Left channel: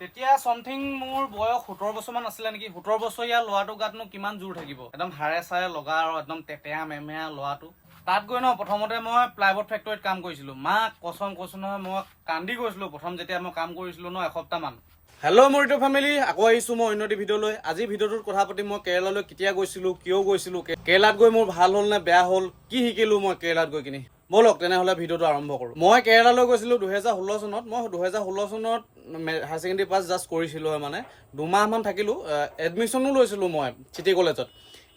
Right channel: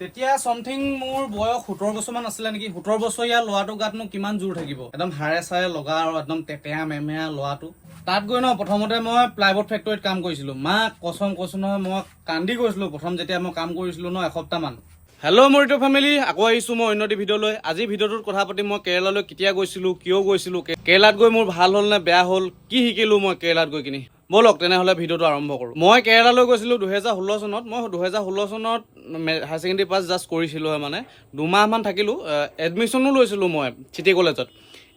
তেতিয়া সামথিং মোৰ বয়স 17 বছৰমান আছিলে নেকি। 17 বছৰীয়া ল'ৰাটো গাতনো কিমান জোৰ থাকিব, একদম হাড়ে চাৰে লগা আৰু একদম তেতেয়া মেমেয়া ল'ৰাটো। তাত গৈ প্ৰথমতে মই প্লাইবোৰ্ড ফেক্টৰীত কাম কৰিছিলো। মাক কচম কৈছো নহয়, মই কান্দি গৈছিলো প্ৰথম যেতিয়া মই কাম কৰিছিলো এসপ্তাহমান। হেল্ল' মোৰ ইউটিউব ফেমিলি, আকৌ আহিছো মই অন্য ভিডিঅ'লৈ। আজি ভিডিঅ'টোত কথা পাতিম মই কেৰেলালৈ কেতিয়া গৈছিলো, কিয় গৈছিলো, কেৰেলাত গৈ মোৰ ভাল হ'ল নে বেয়া হ'ল, কি শিকিলো মই কেৰেলাত গৈ কিনি। বলক তেনেহ'লে ভিডিঅ'টো আৰম্ভ কৰোঁ। মই কেৰেলালৈ গৈছিলোঁ 2016 চনত। মই 2016 চনত হায়াৰ ছেকেণ্ডেৰী পাছ জাষ্ট কৰিছিলোঁ মানে 2 মাহমান থাকিলোঁ। এডমিশ্যনো লৈছিলোঁ মই চিটি কলেজত।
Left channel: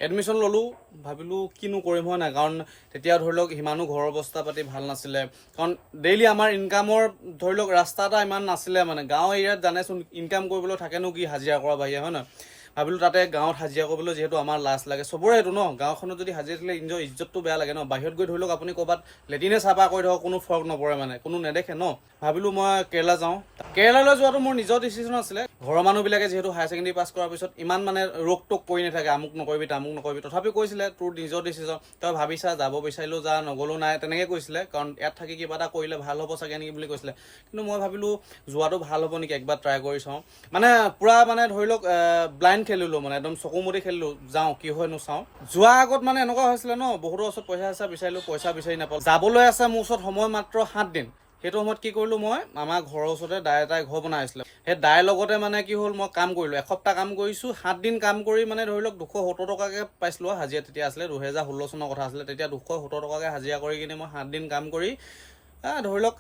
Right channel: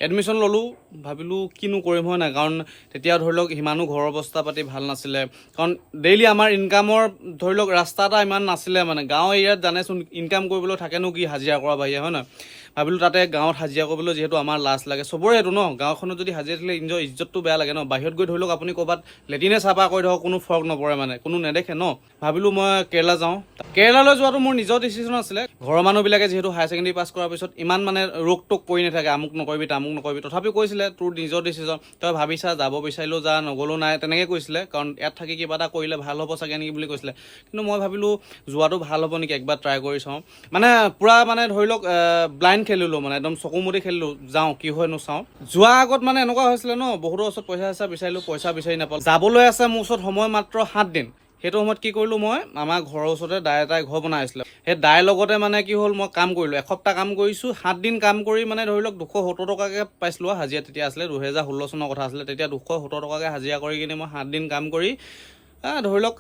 এডমিশ্যন ল'লোঁ, ভাবিলোঁ কিনো কৰিম হয় নাই, কাৰণ তেতিয়া ধৰি লওক সিমানো ঘৰৰ অৱস্থা পাতি ভাল নাছিলে। কাৰণ ডেইলি আমাৰ ইনকামৰ ধৰি লওক ৰাস্তা এটা ইমান নাছিলে মানে। গাঁও এৰিয়াত জানেচোন ইনকাম কৰিবলৈ থাকেনো কি হাজিৰা কৰা বাহিৰে, হয় নহয়। ভাবিলোঁ তাতে গাঁৱত হাজিৰা কৰিবলৈ যিহেতু আমাৰ লাজ লাগে, চবৰে এইটো ন, গাঁওখনত যদি হাজিৰা দিলে নিজৰ ইজ্জতটো বেয়া লাগে ন। বাহিৰত গৈ ধৰি লওক আপুনি ক'ৰবাত লেটিনে চাফা কৰি ধৰক কোনো ফৰক নপৰে মানে, কোনো নেদেখে ন। ভাবিলোঁ মই কেৰেলা যাওঁ। কেৰেলালৈ যোৱাটো মোৰ নিজৰ ডিচিশ্যন আছিলে। ঘৰৰ মানুহবিলাকে যিহেতু হায়াৰ ছেকেণ্ডেৰী পাছ কৰাৰ পিছত ইমান মানে ৰোক টোক কৰি নাথাকে, আমুক নকৰিবি তামুক নকৰিবি, তথাপিও কৈছিলে তোৰ নিজৰ ডিচিশ্যন, তই ভাবিছা যাব বিচাৰিলেও যা, নগ'লেও নাই, তেনেকৈ কৈছিলে। কাৰণ ইয়াত থাকি কিবা এটা কৰিলে ভাল হ'ব চাগে নেকি বুলি কৈছিলে। কিন্তু মই ভাবিলোঁ যোৱাটো ভাল হ'ব নেকি, একবাৰ ট্ৰাই কৰি চাওঁ। মানে পূৰা মানে ধৰি লওক ব্লাইণ্ড খেলিলোঁ মানে, একদম চকু মুদি খেলিলোঁ, যাওঁ কি হয়নো চাওঁ। যোৱাৰ আগত মানে এনেকুৱা হৈছিলে ন, বহুতৰ ওচৰত পইচা বিচাৰিলোঁ, পইচা বিচাৰি নাপালোঁ। যাবলৈ আছে মোৰ ওচৰত সময় মাত্ৰ 7 দিন। সেইটো সময়ত কি কৰিলোঁ মই, আমাৰ ঘৰৰ ওচৰতে দাই এটাই ঘৰ বনাই আছিলে। সেই দাইৰ লগতে মানে কি হ'ল, মই কাম কৰিলোঁ, এসপ্তাহ কাম কৰিছোঁ। 7 দিন কাম কৰি মানে ধৰি লওক 270 টকাকৈ পাইছিলোঁ হাজিৰা। তেতিয়া আছিলে 2016 চনৰ কথা আছিলে। তেতিয়া 270 টকাকৈ হাজিৰা কৰি কিনি মই 7 দিন কাম কৰি ধৰি লওক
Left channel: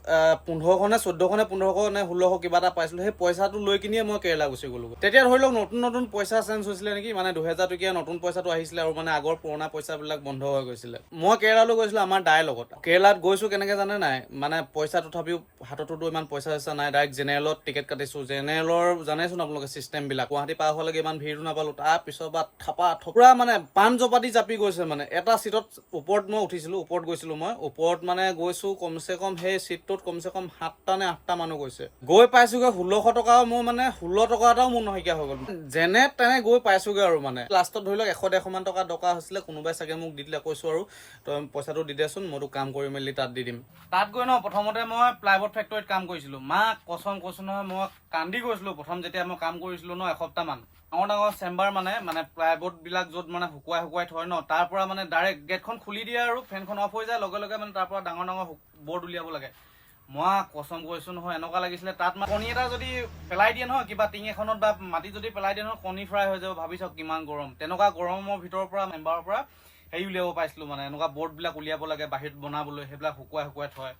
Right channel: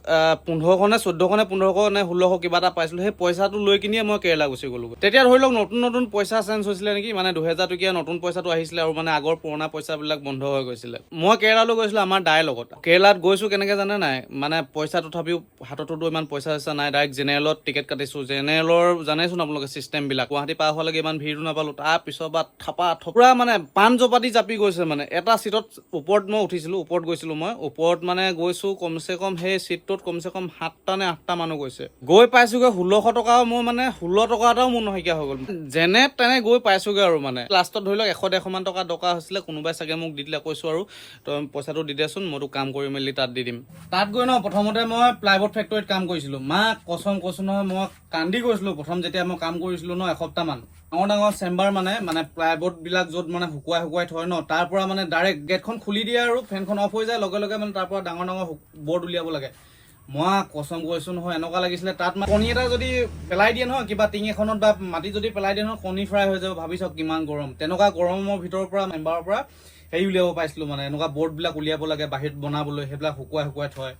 1500 নে 1400 নে 1500 নে 1600 কিবা এটা পাইছিলোঁ। সেই পইচাটো লৈ কিনিয়ে মই কেৰেলা গুচি গ'লোঁ। তেতিয়া ধৰি লওক নতুন পইচা চেঞ্জ হৈছিলে নেকি, মানে 2000 টকীয়া নতুন পইচাটো আহিছিলে আৰু মানে আগৰ পুৰণা পইচাবিলাক বন্ধ হৈ গৈছিলে। মই কেৰেলালৈ গৈছিলোঁ আমাৰ দাইৰ লগত। কেৰেলাত গৈছোঁ কেনেকৈ জানে নাই, মানে পইচা তথাপিও হাততো ইমান পইচা চইচা নাই। ডাইৰেক্ট জেনেৰেলত টিকেট কাটিছোঁ। জেনেৰেলৰ জানেচোন আপোনালোকে চিষ্টেমবিলাক। গুৱাহাটী পাৰ হোৱালৈকে ইমান ভিৰটো নাপালোঁ। তাৰ পিছৰ পৰা থপৰা মানে পাণ জপাতি জাপি গৈছে মানে। এটা চিটত ওপৰত মই উঠিছিলোঁ, ওপৰত গৈছিলোঁ মই। ওপৰত মানে গৈছোঁ কমচে কম সেই চিটটোত কমচে কম 7টা নে 8টা মানুহ গৈছে। গৈ পাইছোগৈ 1600 টকা, মোৰ মানে 16 টকা এটাও মোৰ নাইকিয়া হৈ গ'ল। যেনে তেনে গৈ পাইছোগৈ আৰু মানে। লাষ্টত ধৰি লওক 100-150 মান টকা দৰকাৰ হৈছিলে। কোনোবাই চাগে মোক দি দিলে, কৈছোঁ আৰু তই পইচাটো দি দেচোন, মইতো কাম কৰি মেলি তাত দি দিম। তাত গৈ প্ৰথমতে মই প্লাইবোৰ্ড ফেক্টৰীত কাম কৰিছিলোঁ। মাক কচম কৈছোঁ নহয়, মই কান্দি গৈছিলোঁ প্ৰথম যেতিয়া মই কাম কৰিছিলোঁ এসপ্তাহমান। ডাঙৰ চেম্বাৰ মানে প্লাইবোৰ্ডবিলাক য'ত মানে শুকুৱাই থয় ন, তাৰ পৰা মানে ডাইৰেক্ট গেটখন খুলি দিয়ে আৰু ফেনখন অফ হৈ যায়, লগে লগে মানে তাৰ পৰা ডাঙৰ বৰ্ড উলিয়াব লাগে। মই কচম কৈছোঁ নহয়, এনেকুৱা লাগিছিলে তাত কণী এটা যদি পেলাই দিয়ে নহয়, কিবা টিং এখনত বা মাটি যদি পেলাই দিয়ে নহয়, কণী ফ্ৰাই হৈ যাব। ভাবি চাওক কিমান গৰম। তেনেকুৱা গৰমৰ ভিতৰৰ পৰা মেম্বাৰৰ পৰা হেৰি উলিয়াব পাইছিলোঁ মানে, এনেকুৱা বৰ্ডবিলাক উলিয়াব লাগে বাহিৰত বনাবলৈ, সেইবিলাক শুকুৱাই থয়।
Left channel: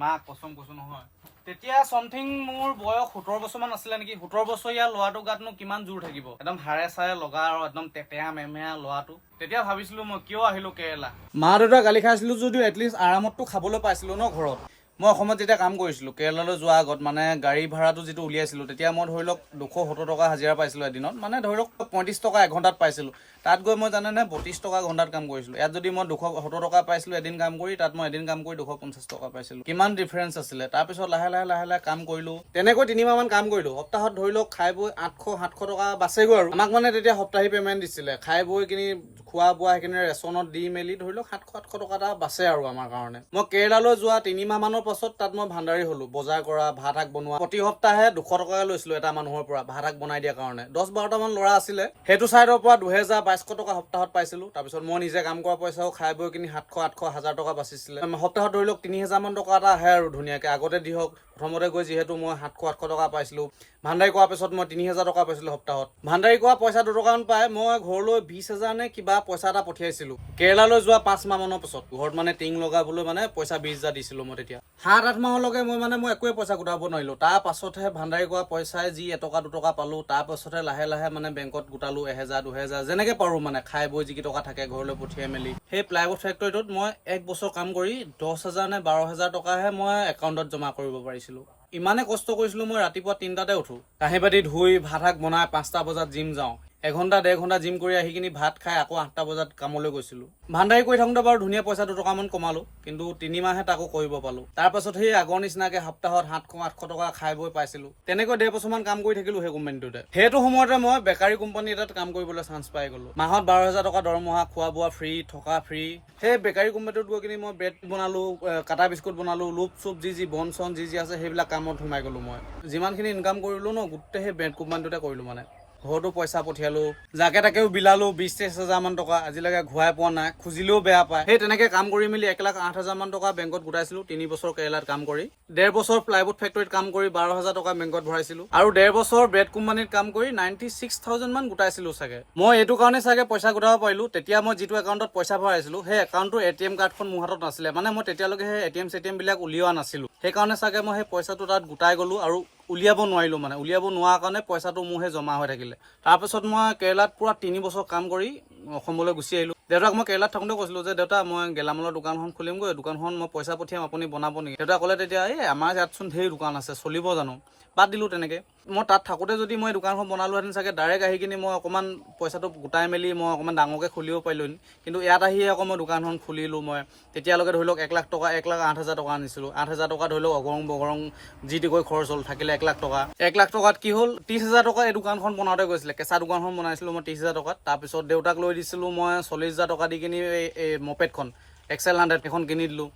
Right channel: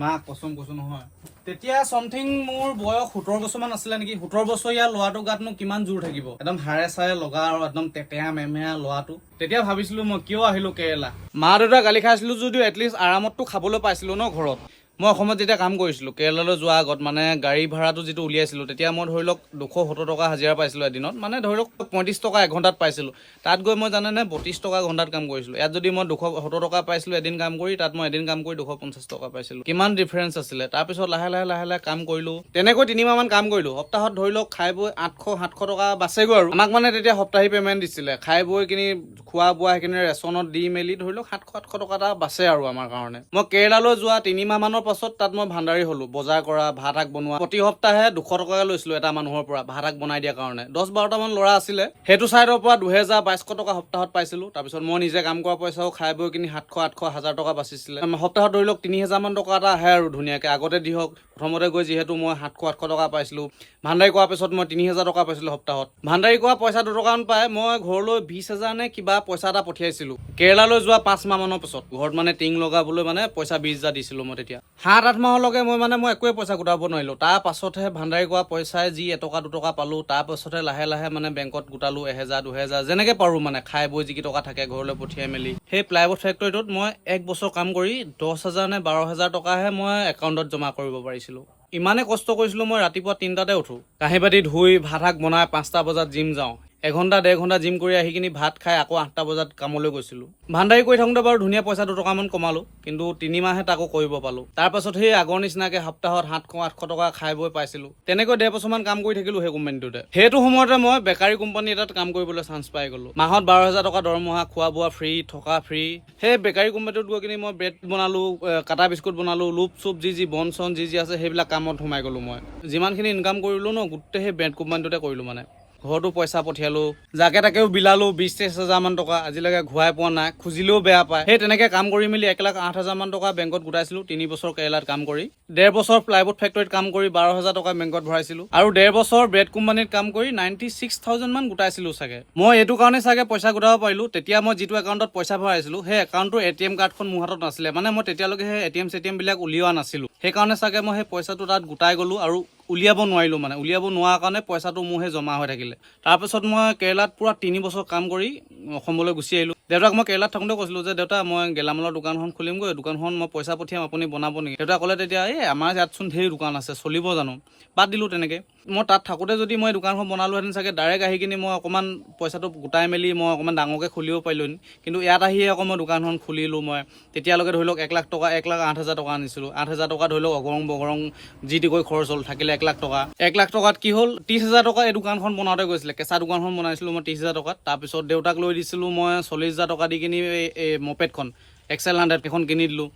মাক কচম কৈছোঁ নহয়, তেতিয়া সামথিং মোৰ বয়স 17 বছৰমান আছিলে নেকি। 17 বছৰীয়া ল'ৰাটো গাতনো কিমান জোৰ থাকিব, একদম হাড়ে চাৰে লগা আৰু একদম তেতেয়া মেমেয়া ল'ৰাটো। তেতিয়া ভাবিছিলোঁ মই কিয় আহিলোঁ কেৰেলা। মা দেউতা গালি খাইছিলোঁ যদিও এটলিষ্ট আৰামতটো খাবলৈ পাইছিলোঁ ন ঘৰত। মই অসমত যেতিয়া কাম কৰিছিলোঁ, কেৰেলালৈ যোৱাৰ আগত মানে গাড়ী ভাড়াটো যিটো উলিয়াইছিলোঁ, তেতিয়া মই ধৰি লওক 270 টকা হাজিৰা পাইছিলোঁ এদিনত। মানে ধৰি লওক 35 টকা এঘণ্টাত পাইছিলোঁ। তাত গৈ মই জানেনে 32 টকা ঘণ্টাত কাম কৰিছিলোঁ। ইয়াত যদি মই 270 টকা পাইছিলোঁ এদিন কাম কৰি, তাত মই এদিন কাম কৰি 250 টকা পাইছিলোঁ। কিমান ডিফাৰেঞ্চ আছিলে। তাৰপিছত লাহে লাহে কাম কৰিলোঁ। তেনেকৈ 3 মাহমান কাম কৰিলোঁ। সপ্তাহত ধৰি লওক খাই বৈ 800-700 টকা বাচেগৈ আৰু। আমাক মানে তেতিয়া সপ্তাহী পে'মেণ্ট দিছিলে। খাই বৈ কিনি খোৱা বোৱা সেইখিনি ৰেচনত দি মেলি ধৰি লওক 700-800 টকা এটা বাচে আৰু আমাৰ কাৰণে। মই কেৰেলালৈ যোৱা 3 মাহমানৰ পাছত তাত মই ভাণ্ডাৰী হ'লোঁ। বজাৰ কৰা, ভাত শাক বনোৱা। প্ৰতি সপ্তাহে 200 টকাকৈ লৈছিলোঁ এটা মানুহৰ পৰা ভাত শাক বনাই দিয়াৰ কাৰণে। 10-12টা মান ল'ৰা আছিলে। সেইটো চাইডৰ পৰা 2000-2200 টকা সপ্তাহত পাইছিলোঁ। তাৰপিছত মই নিজে কাম কৰা পইচাও খাই বৈ কিনি 700-800 1000 টকা বাচিছিলে। সপ্তাহত ধৰি লওক 3000 মান টকা এটা আহে আৰু ধুনীয়াকৈ। আগতে দি হওক প্ৰথমতে গৈ যিহেতু মই 700-800 টকা পাইছিলোঁ। ভাণ্ডাৰী কৰাৰ পিছত মই 3000 টকা পাইছিলোঁ সপ্তাহত। ভাণ্ডাৰী কৰা পইচা 2 টকামান পাই মই ঘৰলৈ 20,000 নে কিবা পইচা এটা পঠিয়াইছিলোঁ। কেৰেলালৈ যোৱা 5 মাহমানৰ পিছত ঘৰত মানে টিং লগাবলৈ মানে পইচা 20,000 দিছিলোঁ মই তেতিয়া। 7-8 মাহলৈকে মই একোৱে পইচা গোটাব নোৱাৰিলোঁ। তাৰ পাছতহে ভাণ্ডাৰী কৰা পইচাই যি এটকা 2 টকা পালোঁ, তাৰ পাছতহে লাহে মানে বেংকত গোটালোঁ 1000-2000 যেনেকৈ পাৰোঁ মানে, খাই বৈ যি টকা থাকে ঘৰলৈ পঠিয়াই মেলি। সেই প্লাইবোৰ্ড ফেক্টৰীটোত মই 1 বছৰ কাম কৰি 10,000 নে 12,000 টকাহে মই একাউণ্টত জমা কৰিব পাৰিছিলোঁ। ইমানে কষ্ট কৰিছিলোঁ মই, ৰাতিপুৱা 3টাতে উঠোঁ, কাঁহী বাতি ধুই ভাত শাক বনাই 5টা বজাত জিম যাওঁ। 1 ঘণ্টা 1.5 ঘণ্টা জিম কৰি আহি কিনি ভাত খাই আকৌ 8টা বজাত কামলৈ গৈছিলোঁ। ভাণ্ডাৰী কৰি থাকোঁতে বাৰু ধুনীয়া পইচা 2 টকামান কমালোঁ, কিন্তু 3 মাহে তাকো কৰিব পালোঁ। তাৰ পাছত সেই আগৰ নিচিনাকৈ সপ্তাহত 700-800 টকা খাই বৈ পাইছিলোঁ। তেনেকৈ 1.5 বছৰমান কাম কৰি থাকিলোঁ সেই কোম্পানীটোতে। সেইটো সময়তে মই বেকাৰী কোম্পানী এটাত কাম কৰিবলৈ চান্স পাই গ'লোঁ। মাহত 12,000 টকা দৰমহা, খোৱা বোৱা ফ্ৰী, থকা ফ্ৰী। সেই বেকাৰী কোম্পানীটোত গৈ কিনি মই ব্ৰেড বনালোঁ, কাটা বিস্কুট বনালোঁ, লুপ চুপ যি বন চন যি আছে সেইবিলাক কামত সোমাই গ'লোঁ মই। যিমানখিনি ইনকাম কৰিলোঁ ন, গোটেই সেই ব্ৰেড কোম্পানীটোতে কৰিলোঁ মানে। ঘৰতো পইচা পঠিয়ালোঁ, যাকে তাকেও বিলালোঁ 20-23 হাজাৰমান টকা, আজিলৈকে ঘূৰাই পোৱা নাই, খুজিলেও বেয়া পায়। সেই তেনেকৈ কাম কৰি মেলি 1,08,000 টকা বেংকত গোটাইছিলোঁ 3 বছৰ কেৰেলাত কাম কৰি। 1.5 বছৰ প্লাইবোৰ্ড ফেক্টৰীত কাম কৰি 12,000 টকা বেংকত ভৰাইছিলোঁ, আৰু 1.5 বছৰ ব্ৰেড কোম্পানীত কাম কৰি 96,000 মান গোটাইছিলোঁ চাগে। মই এইটো কাৰণে চাগে পইচা গোটাব পাৰিলোঁ, তেতিয়া মই যিটো একাউণ্টত পইচা ভৰাইছিলোঁ সেই একাউণ্টটোৰ ATM কাৰ্ডখন মোৰ হাতত নাছিলে, মানে মই তেতিয়ালৈকে সেই ATM বিলাক উলিওৱা নাছিলোঁ। সেইকাৰণে চাগে মই সেই পইচাটো তাত গোটাই গ'লোঁ আৰু উলিয়াব নোৱাৰিলোঁ, মানে উলিয়াব নোৱাৰা কাৰণে পইচাটো মোৰ সেই জমা হৈ থাকিলে। তাৰপিছত মই কেৰেলাত পুৰা 3 বছৰ কাম কৰি অসমলৈ গুচি আহিলোঁ। দেউতাক মই কেৰেলাত থাকোঁতে কৈছিলোঁ যে দেউতা মই গেলামালৰ দোকানখন খুলিমগৈ, দোকানখন মই পইচা পঠিয়াম, আপুনি বনাব নেকি? দেউতা ক'লে তেতিয়া আমাৰ ইয়াতচোন ঢেৰ দোকান আছে, চলিব জানো? বাদ দিলোঁ তেনেকৈ। মই তাত থাকোঁতে যদি মই দোকানখন বনালোহেঁতেন চাগে ডাইৰেক্ট আহি কিনি মই অকণমান পইচাটো গোটাই মেলি মই অকণমান ডাঙৰকৈ খুলিব পাৰিলোঁহেঁতেন, কিন্তু ইয়াত আহিয়ে আকৌ মই দোকানখন খুলিলোঁ। মই তেতিয়ালৈকে ধৰি লওক 1 লাখ টকা, 1,08,000 টকা আনিছিলোঁ। 8,000 টকা ধৰি লওক অগৰং বগৰং যি টি কৰি খৰচ হ'ল, থাকিলে 1 লাখ টকা। 1 লাখ টকাত কি হ'ল, 30,000 টকা এই দোকানখন বনাওঁতে গৈছিলে। কেঁচা দোকানখন বনাইছিলোঁ মই 30,000 টকাত। তাৰপিছত দেউতাক লৈ দিছিলোঁ মই 40,000 টকা দি কিনি এই মপেডখন XL 100 এখন কিনি দিলোঁ।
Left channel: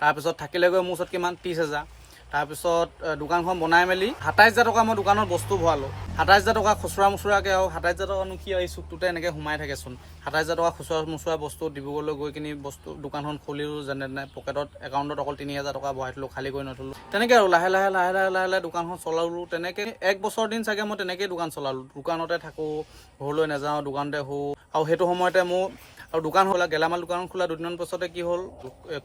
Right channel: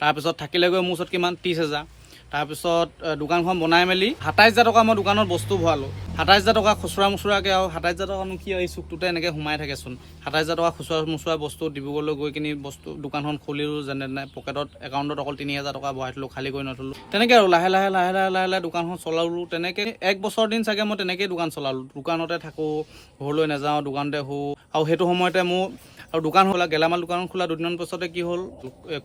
তাৰপিছত থাকিলেগৈ মোৰ ওচৰত কিমান 30,000। তাৰপিছত দোকানখন বনাই মেলি 27,000 টকা মই দোকানত বস্তু ভৰালোঁ। 27,000 টকা খুচুৰা মুচুৰাকৈ, আৰু 27,000 টকানো কি এই চুকটোতে এনেকৈ সোমাই থাকেচোন। 27,000 টকা খুচুৰা মুচুৰা বস্তু ডিব্ৰুগড়লৈ গৈ কিনি দোকানখন খুলিলোঁ যেনে তেনে, পকেটত একাউণ্টত অকল 3,000 টকা ভৰাই থলোঁ, খালী কৰি নথলোঁ। তেনেকৈ আৰু লাহে লাহে দোকানখন চলালোঁ। তেনেকৈ 1 বছৰ দিন চাগে মই তেনেকৈয়ে দোকান চলালোঁ। দোকানতে থাকোঁ, ঘৰলৈ নাযাওঁ, দোকানতে শুওঁ। আৰু সেইটো সময়তে মোৰ আৰু দোকান খোলা, গেলামাল দোকান খোলা 2 দিনৰ পাছতে কি হ'ল,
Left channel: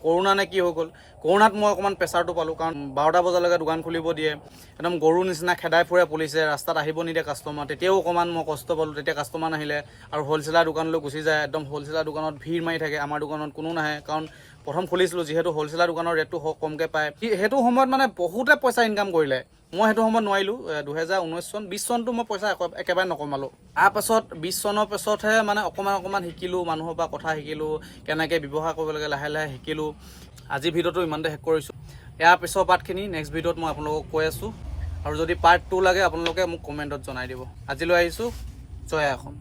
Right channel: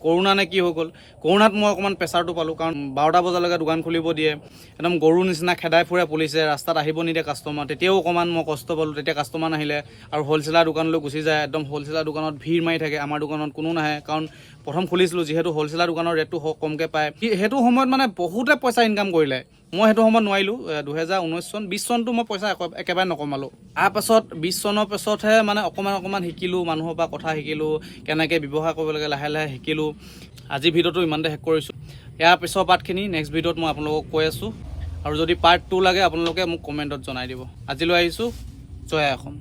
কৰোণা নে কি হৈ গ'ল। কৰোণাত মই অকণমান প্ৰেছাৰটো পালোঁ, কাৰণ 12টা বজালৈকে দোকান খুলিব দিয়ে, একদম গৰুৰ নিচিনা খেদাই ফুৰে পুলিচে, ৰাস্তাত আহিব নিদিয়ে কাষ্টমাৰ। তেতিয়াও অকণমান মই কষ্ট পালোঁ, তেতিয়া কাষ্টমাৰ নাহিলে। আৰু হ'লচেলাৰ দোকানলৈ গুচি যায়, একদম হ'লচেলাৰ দোকানত ভিৰ মাৰি থাকে, আমাৰ দোকানত কোনো নাহে, কাৰণ প্ৰথম খুলিছিলোঁ যিহেতু হ'লচেলাৰ দোকানৰ ৰেটটো কমকৈ পায়। সেইটো সময়ত মানে বহুতে পইচা ইনকাম কৰিলে, মই সেইটো সময়ত নোৱাৰিলোঁ। 2019 চন 20 চনটো মই পইচা একেবাৰে নকমালোঁ। তাৰপাছত 20 চনৰ পাছতহে মানে অকণমান শিকিলোঁ, মানুহৰ পৰা কথা শিকিলোঁ, কেনেকৈ ব্যৱহাৰ কৰিব লাগে লাহে লাহে শিকিলোঁ। আজি ভিডিঅ'টো ইমানতে শেষ কৰিছোঁ। ইয়াৰ পিছৰ পাৰ্টখিনি নেক্সট ভিডিঅ'ত মই আপোনালোকক কৈ আছোঁ, আৰু যদি পাৰ্ট 2 লাগে আপোনালোকে মোক কমেণ্টত জনাই দিব। আজিলৈ আহিছোঁ। জয় অসম।